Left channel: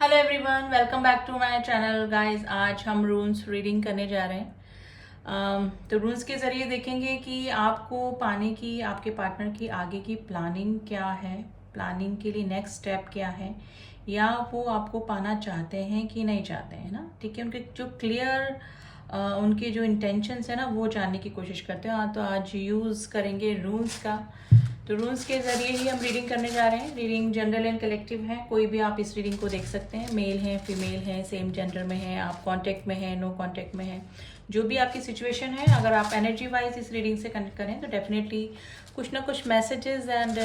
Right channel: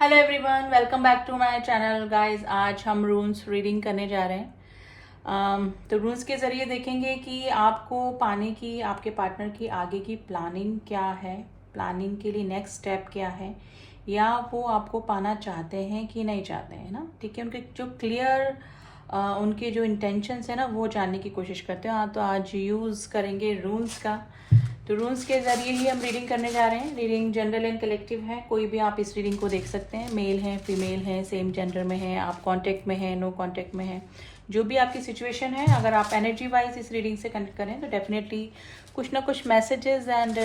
Hello everyone, welcome back to my channel guys. आज हम रून्स reading करने जा रहे हैं। तो रून्स के ज़रिए देखेंगे कि आपको पाने की, आपके पार्टनर की आगे की प्लानिंग क्या है, प्लानिंग के लिए नेक्स्ट स्टेप क्या है, या वो आपको पाना चाहते हैं कि नहीं चाहते हैं ना। ठीक है, उनके जो क्लियर उनके जो इंटेंशंस है ना वो जानने की कोशिश करते हैं। तो आज यूज़ करेंगे रून्स का। तो रून्स के जरिए ही हम रीडिंग करने जा रहे हैं। रीडिंग जनरल एंड कलेक्टिव है, कोई भी आप इस रीडिंग को देख सकते हैं। मेल है, फीमेल है, सेम जेंडर में है, आप कांटेक्ट में है, नो कांटेक्ट में है, जो भी आपकी सिचुएशन है। अगर आप एनर्जी वाइज इस रीडिंग से कनेक्ट करें तो डेफिनेटली कुछ ना कुछ मैसेजेस एंड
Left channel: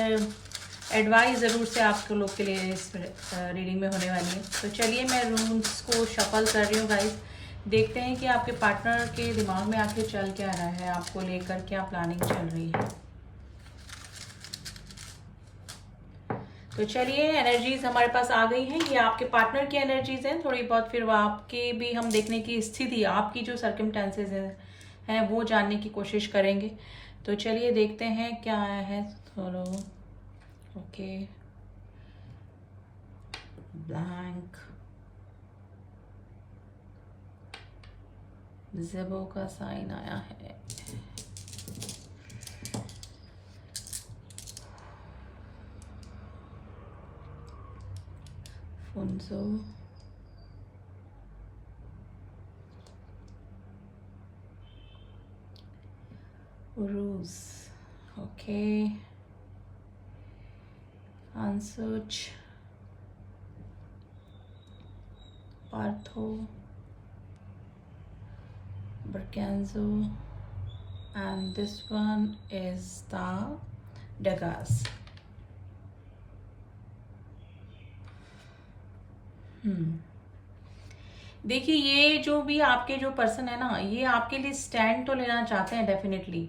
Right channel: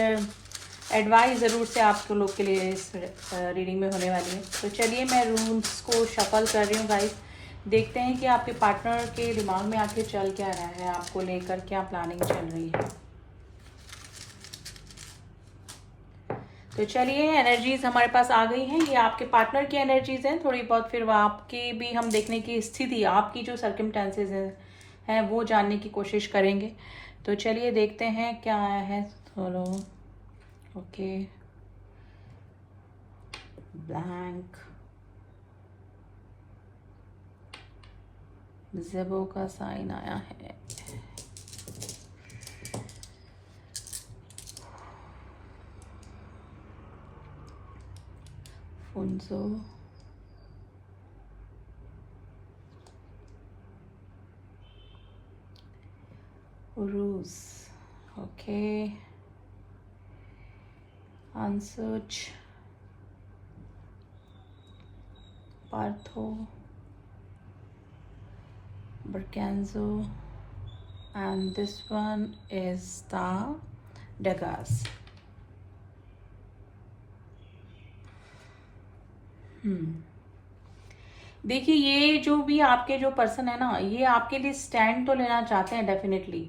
एडवाइस ज़रूर से आप लोग के लिए इस रीडिंग में होने वाली है। तो चलिए मैं रून्स को शफल कर रही हूँ गाइस। देखते हैं कि आपके पार्टनर के दिमाग में आखिर चल क्या रहा है, आपको लेकर क्या प्लानिंग चल रही है। तो चलिए, एनर्जीज हमारे पास आ गई हैं। ये आपके पार्टनर की एनर्जीज हैं थोड़ी बहुत, फिर वो आपकी भी हम देखने की स्थिति, आपकी जो सर्कमस्टेंसेस हैं वो जानने की कोशिश करेंगे। तो चलिए देखते हैं क्या आया है। थोड़ा ओके, ब्लैंक, ज़ेबो का साइन आया है, फुंसो, रूस, ओके, आंसुच, पार्थो, Berganzo, and this one is the Dagas. देखिए, ये जो भी आपके जो पर्सन है ना, ये आपके लिए स्टैंड तो लेना चाहते हैं डेफिनेटली,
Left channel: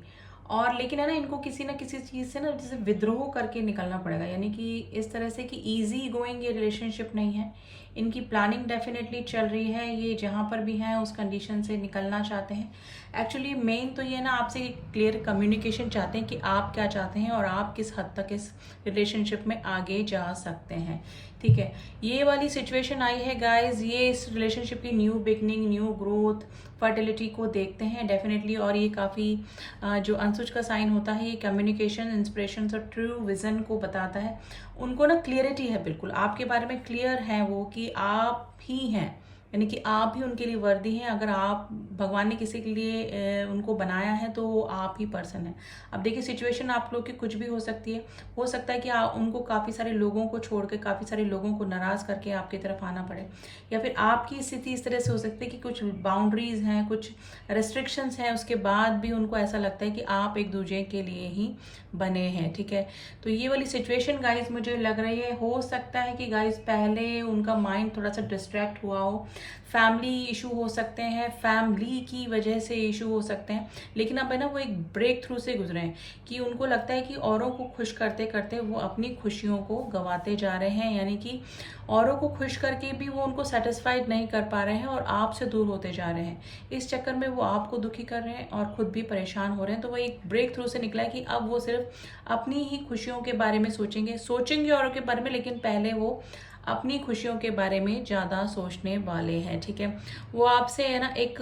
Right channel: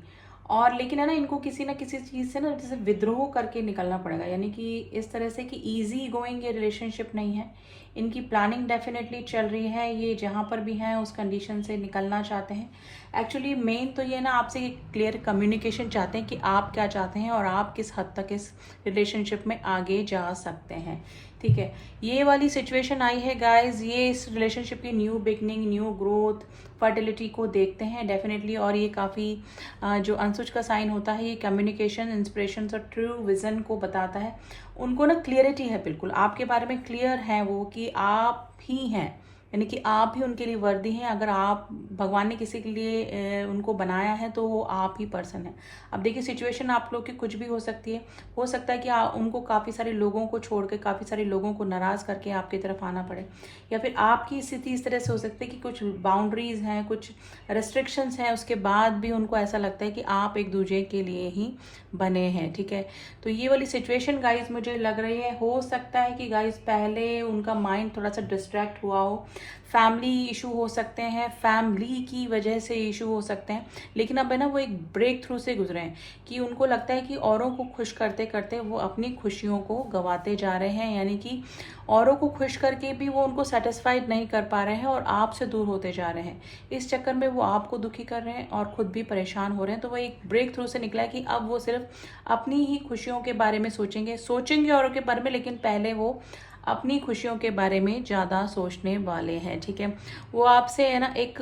और लेकिन है ना, इनको किसी ना किसी चीज़ से ना जैसे विद्रोह करके निकलना पड़ेगा। यानी कि इस तरह से कि इजी गोइंग ये रिलेशनशिप नहीं है। इनकी प्लानिंग डेफिनेटली चल रही है। ये जहाँ पर भी हैं उस कंडीशन से निकलना चाहते हैं। एक्चुअली मेन तो ये ना आपसे एक क्लियर कम्युनिकेशन चाहते हैं कि आप क्या चाहते हैं और आप किस हद तक इस रिलेशनशिप में आगे जा सकते हैं। ठीक है, ये वाली सिचुएशन आई है गाइस। ये इस रिलेशनशिप की new beginning, new growth, fertility को देखते हैं डेफिनेटली। और ये काफ़ी जो अंशुज का साइन होता है, ये कम्युनिकेशन, इंस्पिरेशन और ट्रू विजन को बताता है। उनको ना क्लियरिटी है, बिल्कुल आपके बारे में क्लियर है वो कि आप ही हैं, यानी कि आप ही उनके लिए वर्दी हैं। अगर आप, भगवान ने किसी के लिए उनको बनाया है तो वो आप ही पर्सन है। अब देखिए, सिचुएशन आप लोग की कुछ भी हो सकती है। हो सकता है कि उनको काफ़ी सारे लोगों को छोड़ के, काफ़ी सारे लोगों को नाराज़ करके आपकी तरफ आना पड़े, या फिर आपकी स्थिति इस तरह से हो सकती है कि कुछ बाउंड्रीज हैं, कुछ रेस्ट्रिक्शंस हैं, उसके बाद भी उनको ऐसा लगता है कि आप एक दूसरे के लिए ही बने हैं। ठीक है, तो ये वाली सिचुएशन गाइस मुझे लग रही है, हो सकता है कि गाइस पहले उनका माइंड थोड़ा सा डिस्ट्रैक्ट हुआ हो, फैमिली इशू हो सकते हैं, फैमिली की वजह से इशू हो सकते हैं, लेकिन अब है ना वो एक ब्रेक थ्रू से गुजरे हैं कि उनको लगता है कि औरों को खुश करते करते वो अपनी खुशियों को गंवाते जा रहे हैं। यानी कि औरों को खुश करके भी वो उनको सेटिस्फाइड नहीं कर पा रहे हैं और आपसे दूर होते जा रहे हैं। इस चक्कर में वो आपको दुखी कर रहे हैं और खुद भी परेशान हो रहे हैं। तो वो एक ब्रेक थ्रू से निकला है कि अब वो सिर्फ अपनी ही खुशियों के बारे में सोचेंगे औरों के बारे में, लेकिन पहले वो अपनी खुशियों के बारे में ज़्यादा सोचने वाले हैं। ठीक है, वो आपसे है ना एक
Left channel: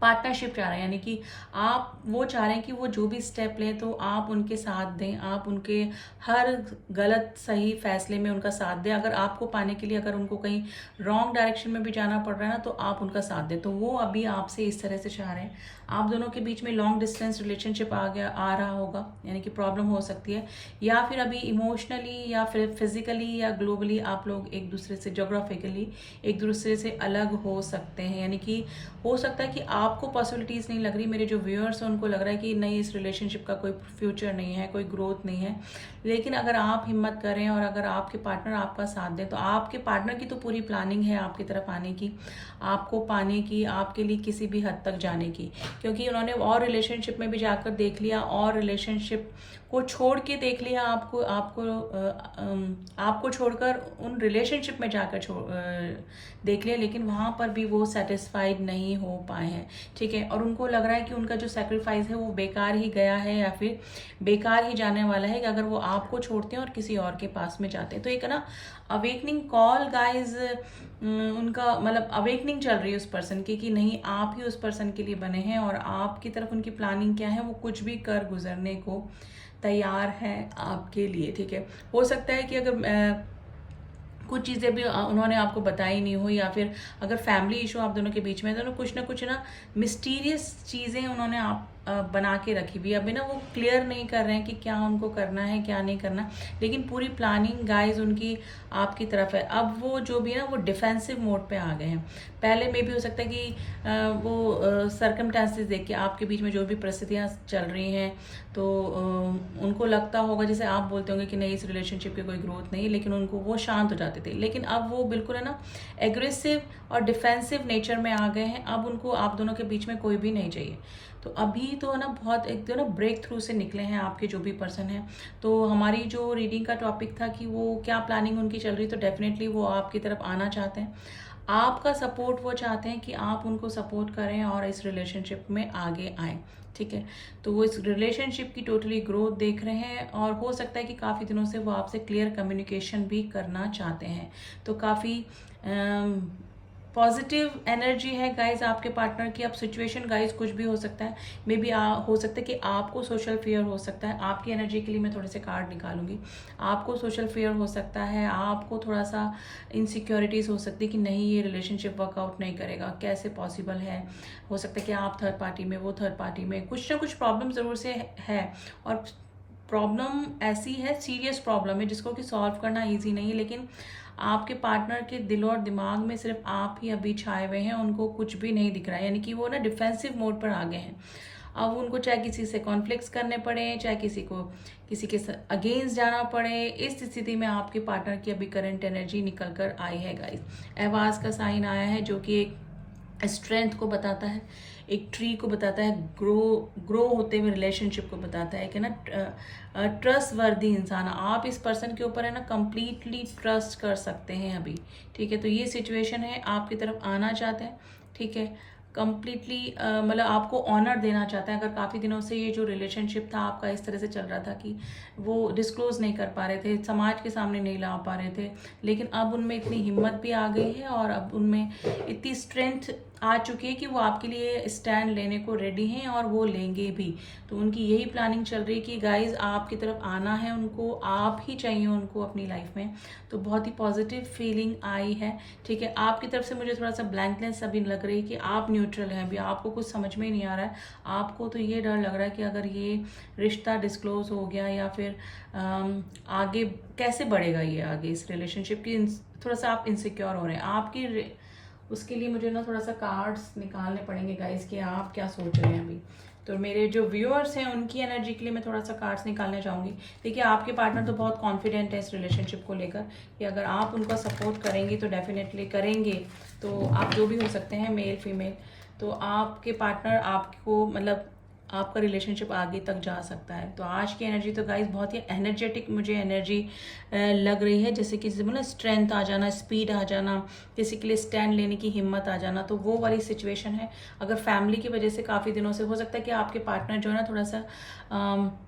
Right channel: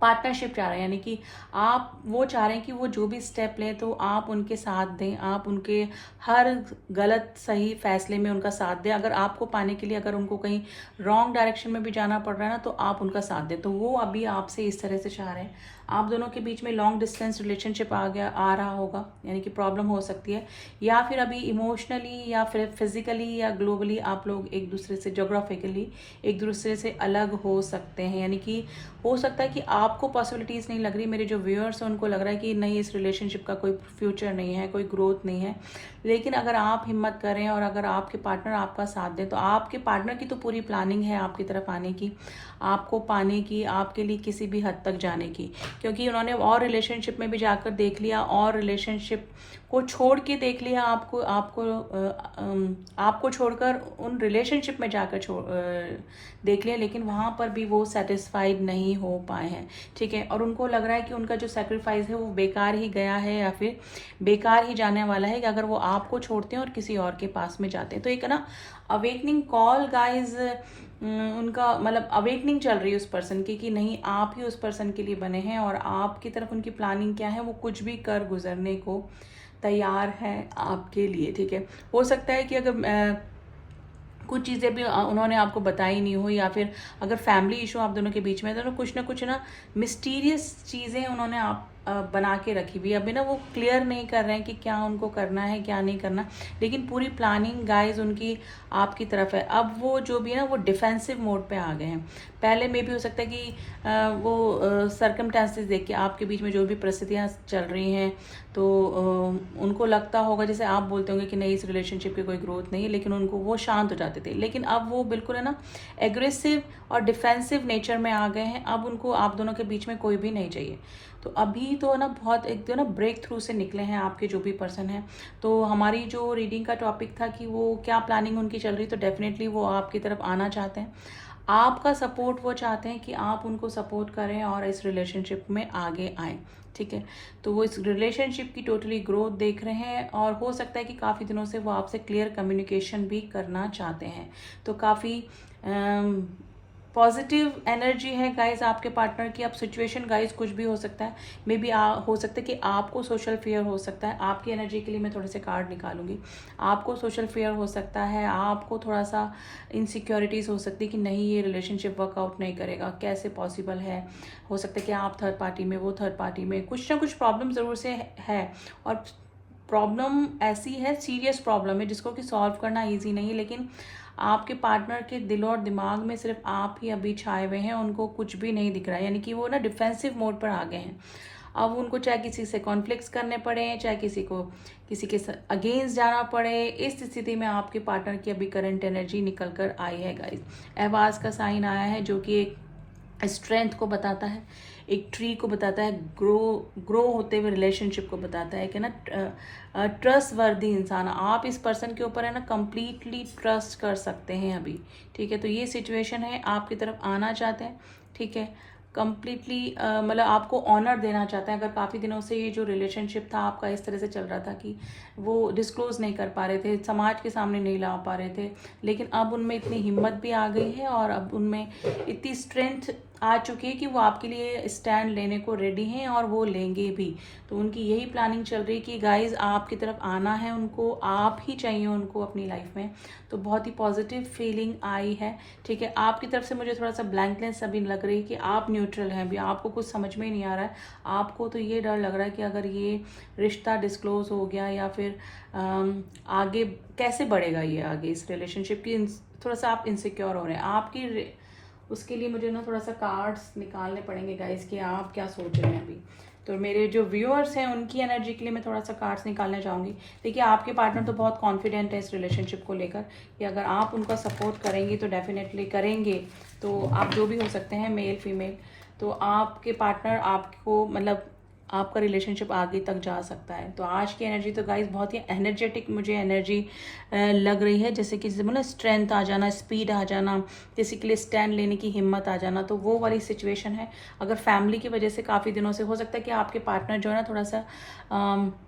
पार्टनरशिप चाह रहे हैं, यानी कि आप, वो चाह रहे हैं कि वो जो भी स्टेप लें तो आप उनके साथ दें, आप उनके हर गलत सही फैसले में उनका साथ दें। अगर आपको पाने के लिए अगर उनको कहीं रॉन्ग डायरेक्शन में भी जाना पड़ रहा है ना तो आप उनका साथ दें। तो वो अभी आपसे इस तरह से चाह रहे हैं। आप दोनों के बीच में लॉन्ग डिस्टेंस रिलेशनशिप आ रहा होगा, यानी कि प्रॉब्लम हो सकती है, या फिर अभी इमोशनली या फिर फिजिकली या ग्लोबली आप लोग एक दूसरे से, जोग्राफिकली एक दूसरे से अलग हो सकते हैं। यानी कि हो सकता है कि आपको पॉसिबिलिटीज़ नहीं लग रही, मेरे जो व्यूअर्स हैं उनको लग रहा है कि नहीं, इस रिलेशनशिप का कोई फ्यूचर नहीं है, कोई ग्रोथ नहीं है। लेकिन अगर आप हिम्मत करें और अगर आपके पार्टनर आपका साथ दें तो आपके पार्टनर की तो पूरी प्लानिंग है आपकी तरफ आने की, आपको पाने की, आपके लिए किसी भी हद तक जाने की। क्योंकि उन्होंने और रिलेशनशिप में भी जाकर देख लिया, और रिलेशनशिप को छोड़ के देख लिया, आपको छोड़कर उन रिलेशनशिप में जाकर देख लिया, लेकिन वहाँ पर भी वो सेटिस्फाइड नहीं हो पाए हैं। ठीक है, और उनको लग रहा है कि उनका जो सेक्रीफाइस है वो बेकार ही गया है या फिर बेकार ही जाने वाला है, कि अगर वो आपको छोड़ते हैं और किसी और के पास में जाते हैं। तो एक है ना अवेकनिंग कॉल गाइज, उनका मतलब अवेकनिंग चल रही है उस पर्सन की कि नहीं आप ही उस पर्सन के लिए बने हैं और आपकी तरफ उनकी प्लानिंग क्या है, वो कुछ भी कर गुजरने को तैयार है आपके लिए। ठीक है, हो सकता है कि अगर कुछ चीज़ें भी उन्होंने आपको बताई नहीं हो, या फिर अगर फैमिली इशू आप दोनों के बीच में है तो कुछ ना कुछ ना मिस्टीरियस चीज़ें उन्होंने आप बना के रखी हुई। अभी ना वो क्लियर नहीं कर रहे हैं कि क्या उनको करना है क्या नहीं करना, लेकिन पूरी प्लानिंग गाइज उनकी आपकी तरफ है। अब वो जो भी है ना वो डिफेंसिव मोड पे आ गए हैं। पहले में भी हो सकता है कि वो सर्कमस्टेंसेस देख के आपके बीच में जो भी परिस्थितियाँ चल रही हैं तो उनको लगता होगा, जैसे आप बोलते होंगे कि नहीं इस रिलेशनशिप की कोई ग्रोथ नहीं, लेकिन उनको वो शांत हो जाते थे। लेकिन अब वो बिल्कुल है ना एग्रेसिव और डिफेंसिव नेचर में आ गए हैं। अब उनको आप दोनों के बीच में कोई भी नहीं चाहिए। तो अभी तो ना बहुत एक तो ना ब्रेक थ्रू से निकले हैं आपके जो भी पर्सन है। तो हमारी जो रीडिंग का टॉपिक था कि वो क्या प्लानिंग उनकी चल रही, तो डेफिनेटली वो आपकी तरफ आना चाहते हैं, आपका सपोर्ट वो चाहते हैं कि आप उनको सपोर्ट करें और इस रिलेशनशिप में आगे आएं। ठीक है, तो वो इस रिलेशनशिप की टोटली ग्रोथ देख रहे हैं और हो सकता है कि काफ़ी दिनों से वो आपसे क्लियर कम्युनिकेशन भी करना चाहते हैं। तो काफ़ी पॉजिटिव एनर्जी है गाइज आपके पार्टनर की। अब सिचुएशन गाइज कुछ भी हो सकता है, मे बी हो सकता है कि आपको सोशल फेयर हो सकता है। आपकी एनर्जी के लिए मैं थोड़े से कार्ड निकालूंगी। आपको सोशल फेयर हो सकता है, आपको थोड़ा सा इनसिक्योरिटीज हो सकती है कि नहीं ये रिलेशनशिप वर्कआउट नहीं करेगा, कैसे पॉसिबल है। हो सकता है कि आप थर्ड पार्टी में वो थर्ड पार्टी में, कुछ ना कुछ प्रॉब्लम जरूर से है। और प्रॉब्लम ऐसी है, सीरियस प्रॉब्लम है जिसको कि सॉल्व करना ईजी नहीं है, लेकिन आपके पार्टनर के दिल और दिमाग में सिर्फ आप ही अभी छाए हुए हैं, उनको कुछ भी नहीं दिख रहा है। यानी कि वो ना डिफेंसिव मोड पर आ गए हैं। अब उनको चाहे किसी से कॉन्फ्लिक्ट्स करने पड़े, चाहे किसी के अगेंस्ट जाना पड़े, इस स्थिति में आपके पार्टनर की अभी करंट एनर्जी निकल कर आई है गाइस। एहवाज का साइन आया है जो कि एक स्ट्रेंथ को बताता है, एक ट्री को बताता है, ग्रो होते हुए रिलेशनशिप को बताता है कि ना ट्रस्ट वर्दी इंसान, आप इस पर्सन के ऊपर है ना कंप्लीटली ट्रस्ट कर सकते हैं अभी। ठीक है, तो ये सिचुएशन है, आपकी तरफ आना चाहते हैं। ठीक है, कंप्लीटली मतलब आपको ऑनर देना चाहता है। अगर काफ़ी दिनों से ये जो रिलेशनशिप था आपका इस तरह से चल रहा था कि वो डिस्क्लोज नहीं कर पा रहे थे, समाज के सामने नहीं ला पा रहे थे, लेकिन अब उनमें इतनी हिम्मत भी आ गई है और अब उनमें इतनी स्ट्रेंथ आ चुकी है कि वो आपके लिए स्टैंड लेने को रेडी हैं और वो लेंगे भी। तो उनकी यही प्लानिंग चल रही है कि गाइज आपकी तरफ आना है उनको, आप ही चाहिए उनको अपनी लाइफ में। तो बहुत ही पॉजिटिव फीलिंग आई है। ठीक है, आपकी तरफ से मुझे थोड़ा सा ब्लैंकनेस अभी लग रही है कि आप न्यूट्रल हैं, अभी आपको कुछ समझ में नहीं आ रहा है। आपको तो ये डर लग रहा है कि अगर ये रिश्ता डिस्क्लोज हो गया या फिर आगे कैसे बढ़ेगा ये आगे इस रिलेशनशिप की, थोड़ा सा आप इनसिक्योर हो रहे हैं। आपकी उसके लिए मुझे ना थोड़ा सा कार्ड्स निकालने पड़ेंगे गाइस कि आप क्या सोच रहे हैं अभी। तो मेरे जो व्यूअर्स हैं उनकी एनर्जी के लिए मैं थोड़ा सा कार्ड्स निकालना चाहूँगी। देखिए आपके पार्टनर तो बहुत कॉन्फिडेंट है इस रिलेशनशिप को लेकर कि अगर आप उनका सपोर्ट करेंगी तो डेफिनेटली करेंगे। तो आप जो भी हो सकते हैं मेल फीमेल, तो आपके पार्टनर आपको मतलब आपका रिलेशनशिप आगे तक जा सकता है। तो आज की एनर्जी तो गाइस बहुत ही एनर्जेटिक मुझे एनर्जी लग रही है, जैसे कि मतलब स्ट्रेंथ आ जाना, स्पीड आ जाना, किसी के लिए स्टैंड लेने की हिम्मत आ जाना, तो वो वाली सिचुएशन है। अगर फैमिली की वजह से काफ़ी दिनों से हो सकता है कि आपके पार्टनर जो है ना थोड़ा सा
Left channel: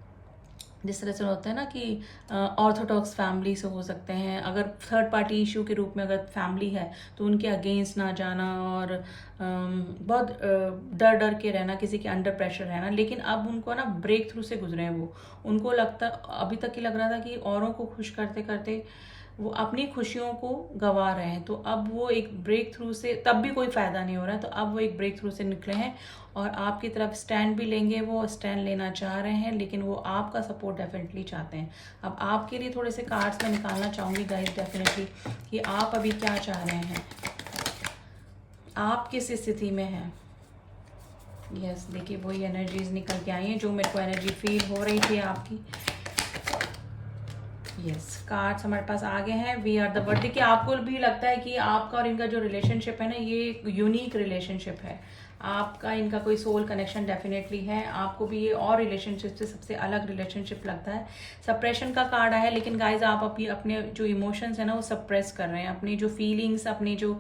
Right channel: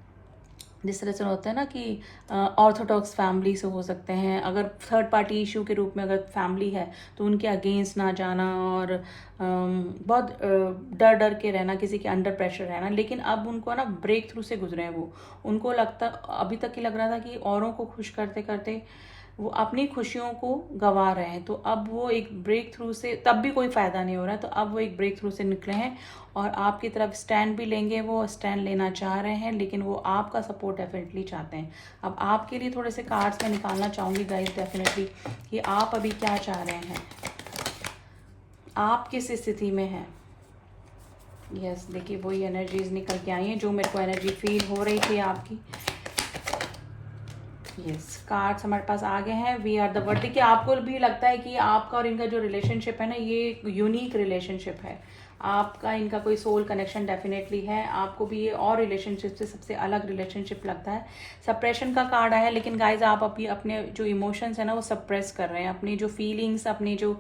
जिस तरह से होता है ना कि ऑर्थोडॉक्स फैमिली से हो सकते हैं। अगर थर्ड पार्टी इशू के रूप में अगर फैमिली है तो उनके अगेंस्ट ना जाना और बहुत डर डर के रहना, किसी के अंडर प्रेशर रहना। लेकिन अब उनको ना ब्रेक थ्रू से गुजरे हैं वो, उनको लगता अभी तक ही लग रहा था कि औरों को खुश करते करते वो अपनी खुशियों को गंवा रहे हैं। तो अब वो एक ब्रेक थ्रू से, तब भी कोई फायदा नहीं हो रहा है, तो अब वो एक ब्रेक थ्रू से निकले हैं और आपकी तरफ स्टैंड भी लेंगे। वो स्टैंड लेना चाह रहे हैं लेकिन वो आपका सपोर्ट डेफिनेटली चाहते हैं। अब आपके लिए थोड़े से कार्ड्स में निकालना चाहूंगी गाइस डेफिनेटली कि आप अभी क्या चाह रहे हैं, आप किस स्थिति में हैं। यस, देखिए वही एनर्जीज निकल के आई हैं जो मेरे को एनर्जी फील हो रही थी आपकी। यस, कार्ड्स हमारे पास आ गए हैं। We are the world. देखिए आपको भी लगता है कि आपका और इनका जो रिलेशनशिप है ना ये एक यूनिक रिलेशनशिप है। आपका इनका कोई सोल कनेक्शन डेफिनेटली है। आपको भी ये और रिलेशनशिप से सबसे अलग रिलेशनशिप लगता है। सप्रेशन का कार्ड आया है, लेकिन गाइज आप अभी अपने जो इमोशंस है ना वो सप्रेस कर रहे हैं। अपनी जो फीलिंग्स, अपनी जो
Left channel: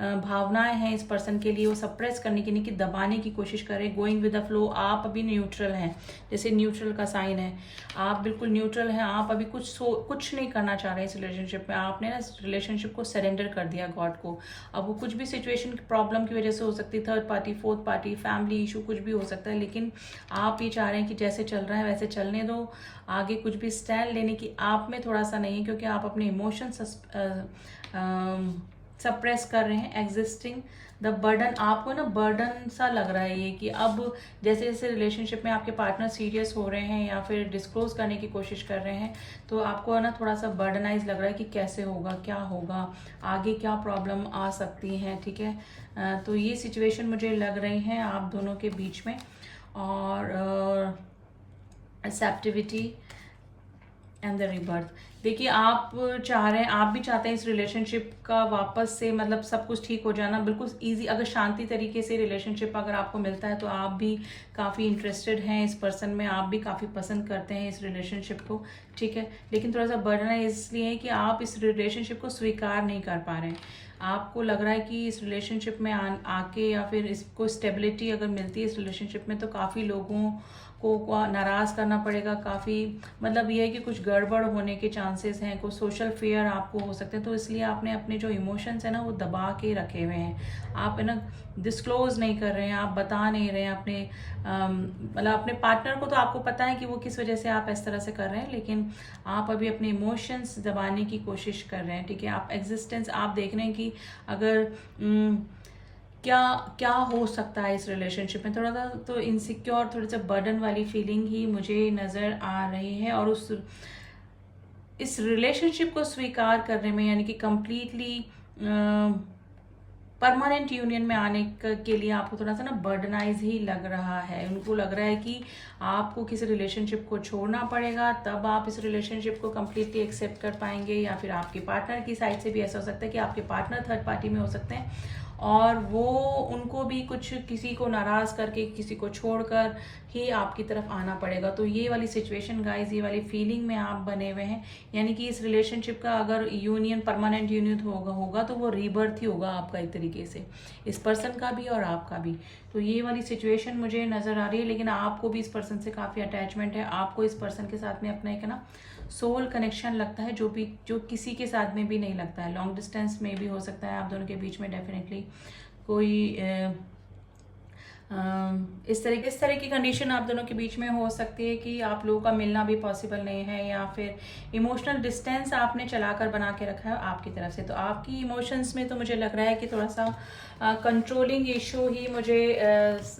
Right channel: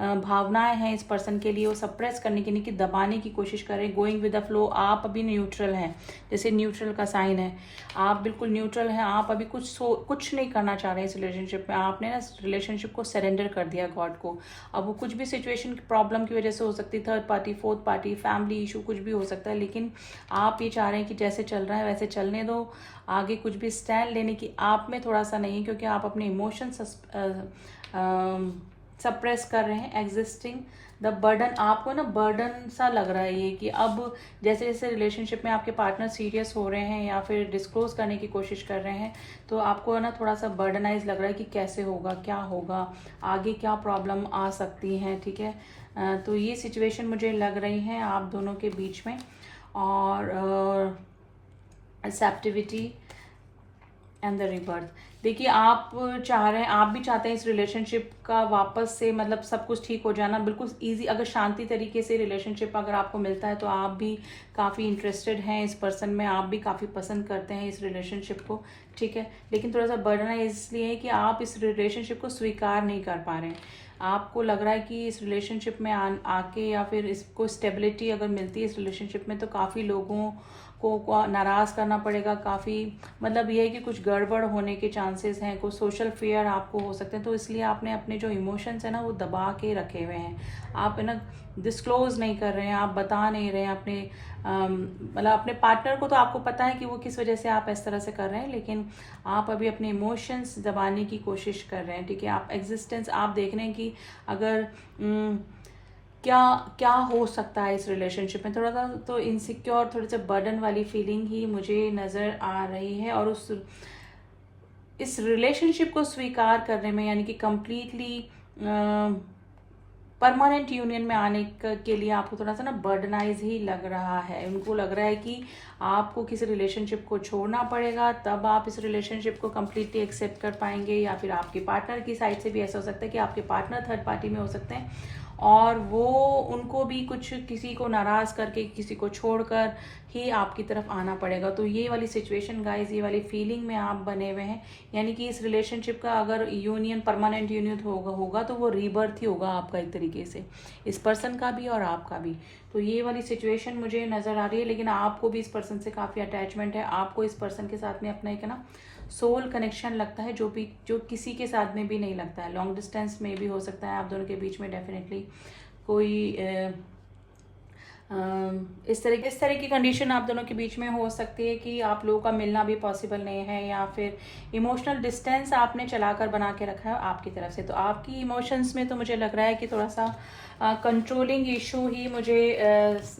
भावनाएं हैं इस पर्सन के लिए वो सप्रेस करने के लिए, कि दबाने की कोशिश कर रहे हैं। गोइंग विद द फ्लो, आप अभी न्यूट्रल हैं, जैसे न्यूट्रल का साइन है, आप बिल्कुल न्यूट्रल हैं। आप अभी कुछ नहीं करना चाह रहे हैं इस रिलेशनशिप में। आपने ना इस रिलेशनशिप को सरेंडर कर दिया गॉड को। अब वो कुछ भी सिचुएशन प्रॉब्लम की वजह से हो सकती है, third party, fourth party, family issue, कुछ भी हो सकता है, लेकिन आप ये चाह रहे हैं कि जैसे चल रहा है वैसे चलने दो। आगे कुछ भी स्टैंड लेने की आप में थोड़ा सा नहीं है, क्योंकि आप अपने इमोशंस सप्रेस कर रहे हैं। एग्जिस्टिंग द बर्डन, आपको ना बर्डन सा लग रहा है ये, कि अब जैसे जैसे रिलेशनशिप में आपके पार्टनर सीरियस हो रहे हैं या फिर डिस्क्लोज करने की कोशिश कर रहे हैं, तो आपको ना थोड़ा सा बर्डनाइज लग रहा है कि कैसे होगा, क्या होगा, आगे क्या प्रॉब्लम आ सकती हैं। ठीक है, तो ये सिचुएशन मुझे लग रही है आप दोनों के बीच में। और एक्सेप्टिविटी एंड द रिबर्थ, देखिए आप चाह रहे हैं, आप भी चाहते हैं इस रिलेशनशिप का वापस से मतलब सब कुछ ठीक हो जाना, बिल्कुल इजी। अगर शांति तरीके से रिलेशनशिप अगर आपको मिलता है तो आप भी काफ़ी इंटरेस्टेड हैं इस पर्सन में, आप भी काफ़ी पसंद करते हैं इस रिलेशनशिप को। ठीक है, लेकिन थोड़ा सा बर्डन है इसलिए है कि आप इस रिलेशनशिप को स्वीकार नहीं कर पा रहे हैं। आपको लग रहा है कि इस रिलेशनशिप में आके या फिर इसको स्टेबिलिटी अगर मिलती है इस रिलेशनशिप में, तो काफ़ी लोगों को नाराज़ करना पड़ेगा। काफ़ी मतलब ये है कि कुछ गड़बड़ होने के चांसेस हैं, कुछ सोशल फेयर आपको हो सकते हैं। तो इसलिए आपने अपने जो इमोशंस है ना वो दबा के रखे हुए हैं। आप है ना डिस्क्लोज नहीं कर रहे हैं, आप बता नहीं रहे हैं अपने मतलब अपने पार्टनर को। तो आपको पता है कि वो किस वजह से आप इस तरह से कर रहे हैं, लेकिन आप अभी अपने इमोशंस दबाने की कोशिश कर रहे हैं। ठीक है, आप एग्जिस्टेंस आप देख रहे हैं कि अगर क्या क्या हो सकता है इस रिलेशनशिप में। थोड़ा सा तो इनसिक्योर, थोड़े से बर्डन वाली फीलिंग ही मुझे नज़र आ रही है। और इस रिलेशनशिप को स्वीकार करने में, यानी कि कंप्लीटली परमानेंट यूनियन में आने के लिए आपको थोड़ा सा ना बर्डनाइज ही लग रहा है। उनको लग रहा है कि आपको किसी रिलेशनशिप को छोड़ना पड़ेगा, तब आप इस रिलेशनशिप को कम्प्लीटली एक्सेप्ट कर पाएंगे। या फिर आपके पार्टनर की साइड से भी ऐसा हो सकता है कि आपके पार्टनर थर्ड पार्टी में हो सकते हैं और वो उनको भी कुछ किसी को नाराज करके, किसी को छोड़कर ही आपकी तरफ आना पड़ेगा। तो ये वाली सिचुएशन गाइस, ये वाली फीलिंग में आप बने हुए हैं। यानी कि इस रिलेशनशिप का अगर यूनियन, परमानेंट यूनियन होगा तो वो रीबर्थ ही होगा आपका एक तरीके से, इस पर्सन का भी और आपका भी। तो ये वाली सिचुएशन मुझे नजर आ रही है। लेकिन आपको भी इस पर्सन से काफी अटैचमेंट है, आपको इस पर्सन के साथ में अपना एक ना सोल कनेक्शन लगता है, जो किसी के साथ में भी नहीं लगता है। लॉन्ग डिस्टेंस में भी हो सकता है आप दोनों के बीच में डेफिनेटली कोई इस तरह की कंडीशन आप दोनों के बीच में हो सकती है कि आप लोगों का मिलना भी पॉसिबल नहीं है, या फिर इमोशनल डिस्टेंस आपने चलाकर बना के रखा है आपकी तरफ से। तो आपकी इमोशंस में तो मुझे लग रहा है कि थोड़ा सा कंट्रोलिंग इशू ही मुझे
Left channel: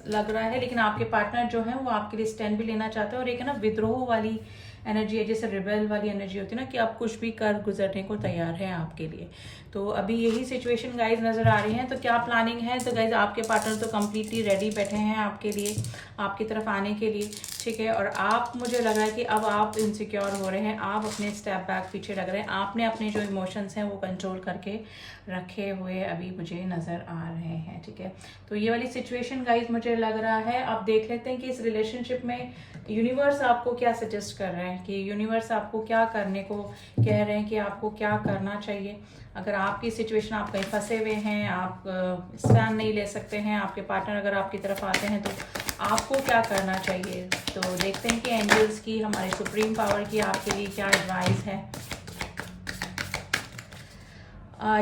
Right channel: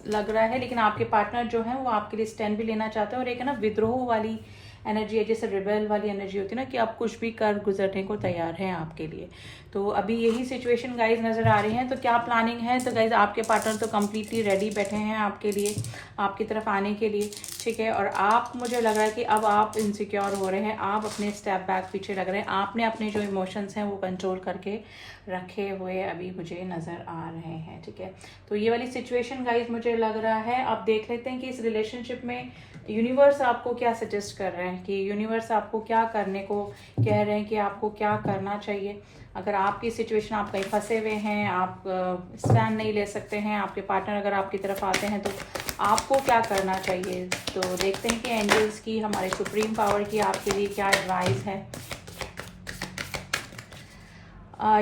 लग रहा है। लेकिन आपके पार्टनर जो है वो आपके लिए स्टैंड भी लेना चाहते हैं, और एक है ना विद्रोह वाली एनर्जी है, जैसे रिबेल वाली एनर्जी होती है ना, कि आप कुछ भी कर गुजरने को तैयार हैं आपके लिए। तो अभी यही सिचुएशन गाइज नजर आ रही है। तो क्या प्लानिंग है, तो गाइज आपके पार्टनर तो कम्प्लीटली रेडी बैठे हैं आपके लिए, आपकी तरफ आने के लिए। ठीक है, और आप, मुझे लग रहा है कि अब आप इनसिक्योर हो रहे हैं, आप अपने स्टेप बैक पीछे लग रहे हैं, आपने अपने जो इमोशंस हैं वो कंट्रोल करके रखे हुए अभी मुझे नजर आ रहे हैं। ठीक है, तो ये वाली सिचुएशन गाइज मुझे लग रहा है। अब देख लेते हैं कि इस रिलेशनशिप में यूनिवर्स आपको क्या सजेस्ट कर रहे हैं, कि यूनिवर्स आपको क्या करने को कह रहे हैं, कि आपको क्या करना चाहिए। अगर आपकी सिचुएशन, आप कहीं फंसे हुए हैं, आप स्टैंड नहीं ले सकते हैं, आपके पार्टनर अगर आपकी तरफ आते हैं, तो आपको क्या करना चाहिए। तो देखते हैं कि एंजल्स की, हमारी सुप्रीम पावर की आपके लिए क्या एडवाइस है।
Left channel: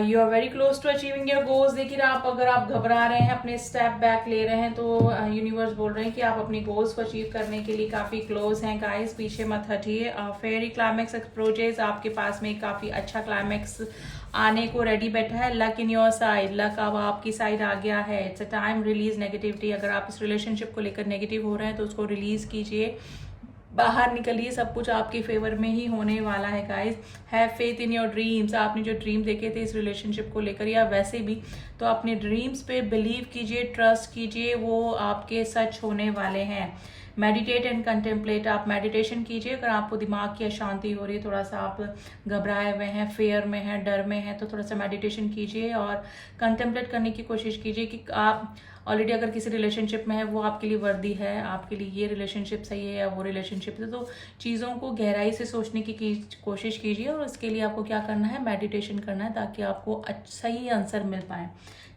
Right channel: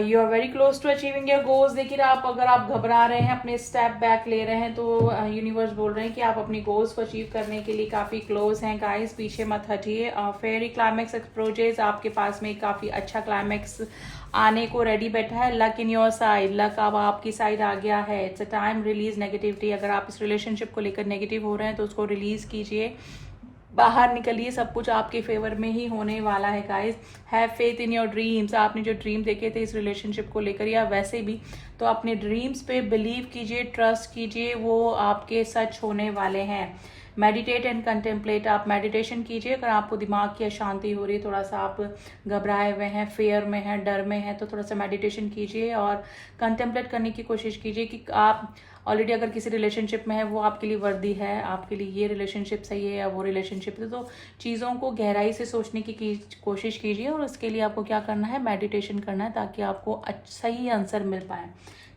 You are very close to achieving your goals. देखिए अगर आप घबरा रहे हैं, अपने स्टेप बैक ले रहे हैं, तो यूनिवर्स बोल रहे हैं कि आप अपनी गोल्स को अचीव करने के लिए काफी क्लोज हैं गाइस। पीछे मत हटिए। फेरी क्लाइमेक्स अप्रोचेस, आपके पास में काफी अच्छा क्लाइमेक्स आने को रेडी बैठा है। Luck in your side, luck अब आपकी साइड आ गया है। It's a time release negativity. अगर आप इस रिलेशनशिप को लेकर नेगेटिव हो रहे हैं तो उसको रिलीज कीजिए, बाहर निकलिए, सब कुछ आपके फेवर में ही होने वाला है guys. Have faith in your dreams. आपने जो ड्रीम देखे थे इस रिलेशनशिप को लेकर या वैसे भी, तो अपने ड्रीम्स पे बिलीव कीजिए, ट्रस्ट कीजिए, वो आपके सच होने वाले हैं। मेडिटेट एंड कंटेम्पलेट, आप मेडिटेशन कीजिए। अगर आपको दिमाग की अशांति हो रही है, थोड़ा सा आप घबराए हुए हैं, फेयर में हैं, डर में हैं, तो थोड़ा सा मेडिटेशन कीजिए और कंटेम्पलेट करने की कोशिश कीजिए कि आप ऑलरेडी अगर किसी रिलेशनशिप में है वो आपके लिए वर्दी है, आपके लिए ये रिलेशनशिप सही है या वो रिलेशनशिप है, तो चीज़ों को गहराई से सोचने की कोशिश कीजिए और उसके लिए आपको क्या करना है, मेडिटेशन करना है ताकि आपको सही आंसर मिल पाए।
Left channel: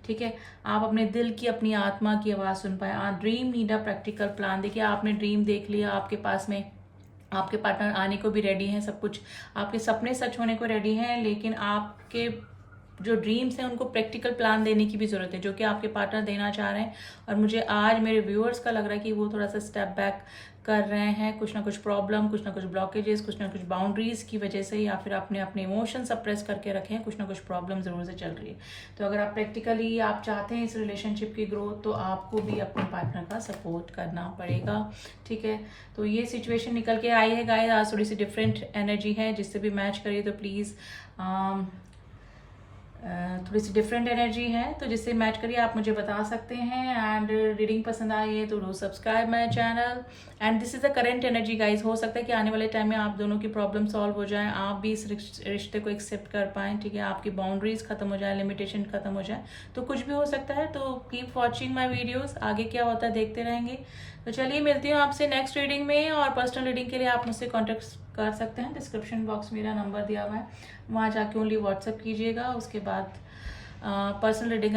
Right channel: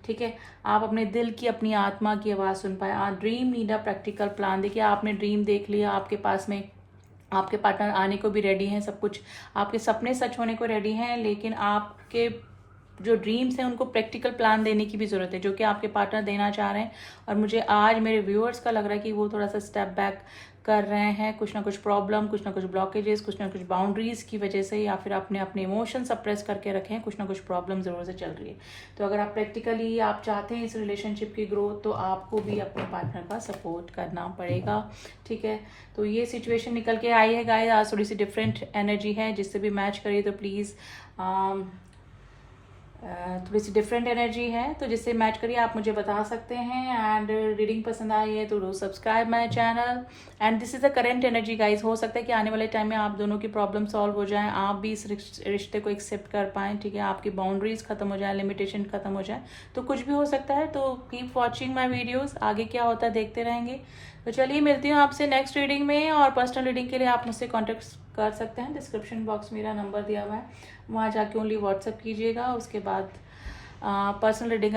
ठीक है, आप अपने दिल की, अपनी आत्मा की आवाज़ सुन पाए। आप dream need a practical plan. देखिए आपने ड्रीम देख लिया, आपके पास में आपके पार्टनर आने को भी रेडी हैं, सब कुछ आपके सपने सच होने को रेडी हैं, लेकिन आपके जो ड्रीम्स हैं उनको प्रैक्टिकल प्लान देने की भी ज़रूरत है, जो कि आपके पार्टनर देना चाह रहे हैं। और मुझे आज मेरे व्यूअर्स का लग रहा है कि वो थोड़ा सा स्टेप बैक कर रहे हैं, कुछ ना कुछ प्रॉब्लम, कुछ ना कुछ ब्लॉकेजेस, कुछ ना कुछ बाउंड्रीज की वजह से, या फिर आपने अपने इमोशन सप्रेस करके रखे हैं, कुछ ना कुछ प्रॉब्लम ज़रूर से चल रही है। तो अगर आप प्रैक्टिकली आप चाहते हैं इस रिलेशनशिप की ग्रोथ, तो आपको भी अपने पार्टनर का सपोर्ट करना पड़ेगा। ठीक है, तो ये सिचुएशन निकल के आई है गाइस। आज थोड़ी सी डिफरेंट एनर्जी है, जिससे भी मैच करे तो प्लीज़ थोड़ी सी डिफरेंट एनर्जी है, तो जिससे मैच करिए आप मुझे बता सकते हैं। एंड रीडिंग पसंद आई है तो do subscribe my channel. And this is the current energy guys. हो सकता है कि आने वाले टाइम में आप दोनों की प्रॉब्लम सॉल्व हो जाए, आप भी इस रिश्ते को एक्सेप्ट कर पाएँ। ठीक है, आपकी बाउंड्रीज खत्म हो जाए, लिमिटेशन खत्म हो जाए, तो कुछ भी हो सकता है। तो कीप वॉचिंग माई वीडियोज़, आगे क्या होता है देखते रहेंगे। तो चलिए मिलती हूँ आपसे नेक्स्ट रीडिंग में। और पर्सनल रीडिंग के लिए आप मुझसे कॉन्टेक्ट कर सकते हैं, डिस्क्रिप्शन बॉक्स मेरा नंबर दिया हुआ है, वहाँ जाके ओनली व्हाट्सएप कीजिएगा। उसके बाद पर्सनल रीडिंग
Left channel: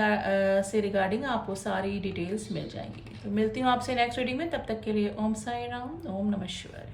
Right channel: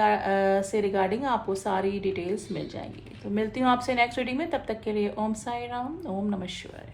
से रिगार्डिंग आपको सारी डिटेल्स मिल जाएंगी। तो मिलती हूँ आपसे नेक्स्ट रीडिंग में, तब तक के लिए ओम साई राम, ओम नमः शिवाय।